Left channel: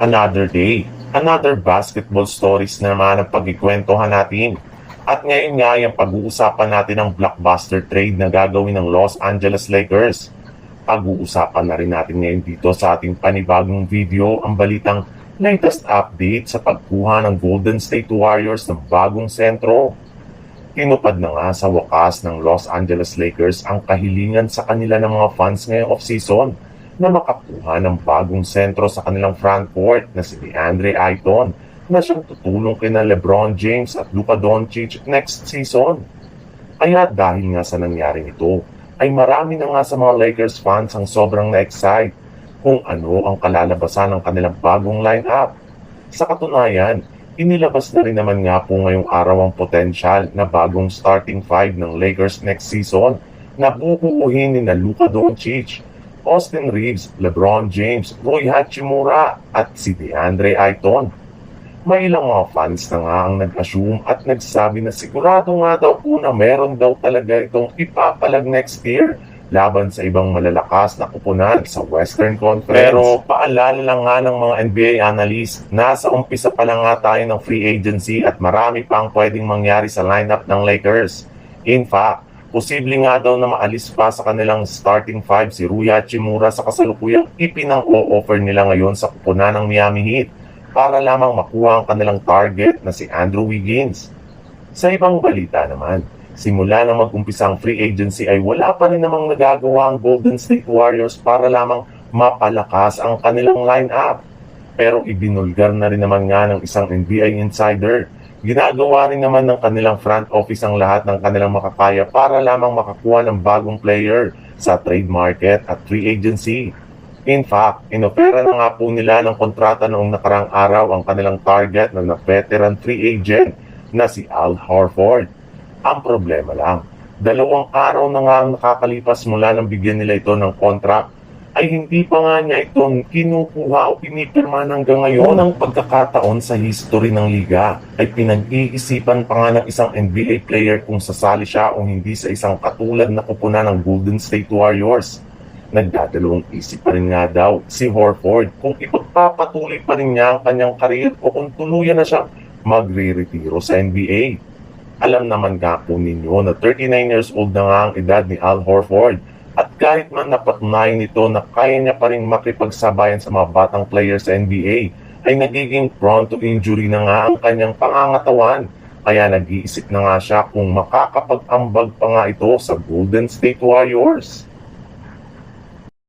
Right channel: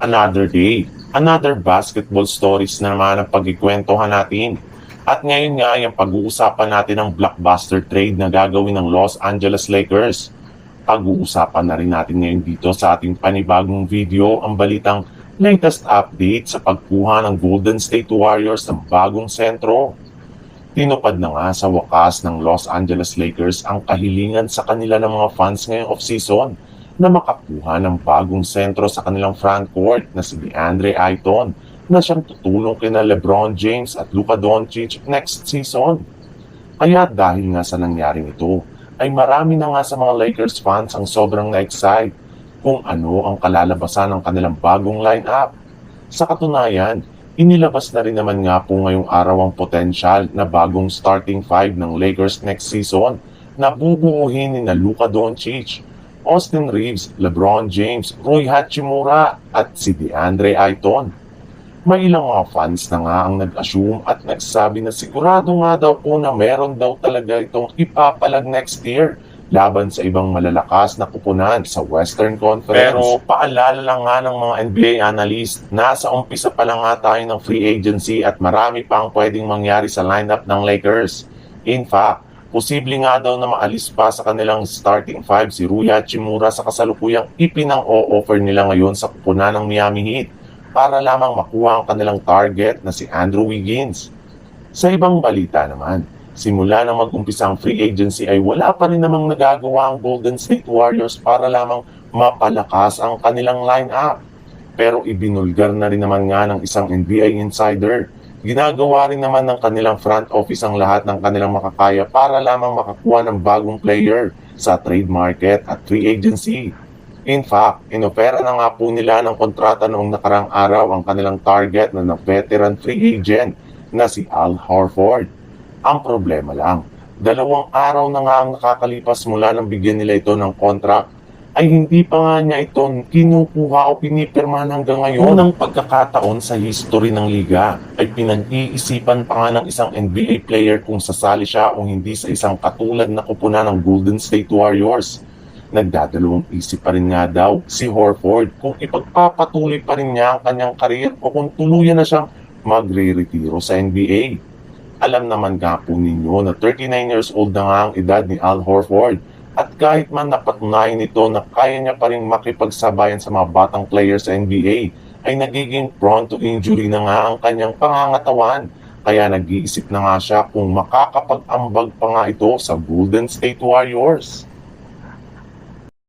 Another day, another basketball stories na naman ang pagkikwentuhan natin. At ngayon nga yung pag-uusapan natin ang blockbuster trade na gagawin ng Los Angeles Lakers. Pag-uusapan na rin natin ngayon dito sa ating panibagong video ang balitang latest update sa pagkuha ng Golden State Warriors ng bagong sentro. Tinupad na nga sa wakas ng Los Angeles Lakers ang kahilingan sa kanila ng mga fans ngayong off-season na makakuha ng bagong sentro sa kanilang frontcourt na si DeAndre Ayton na siyang tutulong kina LeBron James at Luka Doncic next season. Kaya dahil nga sa nangyari nito, ay marami na nga sa mga Lakers fans ang sobrang na-excite kung ano ang kalalabasan ng kanilang bagong lineup. Sa katunayan, inilabas na rin naman nga po ngayong araw ang potensyal na bagong starting five ng Lakers next season na bubuuhin ni na Luka Doncic, Austin Reeves, LeBron James, Rui Hachimura at si DeAndre Ayton. May ilang mga fans na nga ang nag-assume at nagsabi na sigurado nga daw po na meron daw talaga itong ipapalag next year laban sa ibang malalakas na kupunan sa Western Conference. Pero paalala lang nga ng mga NBA analyst, nasa umpisa pa lang nga tayo ng free agency at marami pang pwedeng mangyari sa lineup ng Lakers. In fact, posible nga daw na maalis pa sa kanilang starting five si Rui Hachimura sa kasalukuyang ipinang-o-offer nila ngayon sa kupunan ng Miami Heat para lamang makuha ang kanilang target na si Andrew Wiggins. Sa ibang balita naman, simula na mag-umpisa ang free agency ay wala pa rin namang nagagawa ang Golden State Warriors para lamang mapalakas ang kanilang lineup. Pero ibinulgar na rin naman nga ng isang NBA insider. Ginagawa rin naman ng kanilang front office ang lahat ng kanilang makakaya para lamang makakuha ng bagong player sa trade market at free agency. In fact, inopera na nga po nila ng kontrata noong nakarang araw ang kanilang target na veteran free agent na si Al Horford. Ang problema lang, 2 araw na nga ang nakakalipas mula nang bigyan nila ito ng contract ay hindi pa nga niya ito kinukuha o pinipirma hanggang ngayon. Unang pagkakataon sa history ng liga ay pinag-iisipan pa nga ng isang NBA player kung sasali siya o hindi sa isang katulad na kupunan ng Golden State Warriors. Nagdadalawang isip pa rin nga daw si Horford kung ipagpapatuloy pa rin niya ang kanyang karir o kung tuluyan na siyang magre-retiro sa NBA. Alam naman nga po ninyo na 39 years old na nga ang edad ni Al Horford at kahit man napatunayan nito na kaya niya pa rin makipagsabayan sa mga batang players sa NBA ay nagiging prone to injury na nga ang kanyang pangangatawan. Kaya nag-iisip na nga siya kung makakapag-ambag pa nga ito sa Golden State Warriors.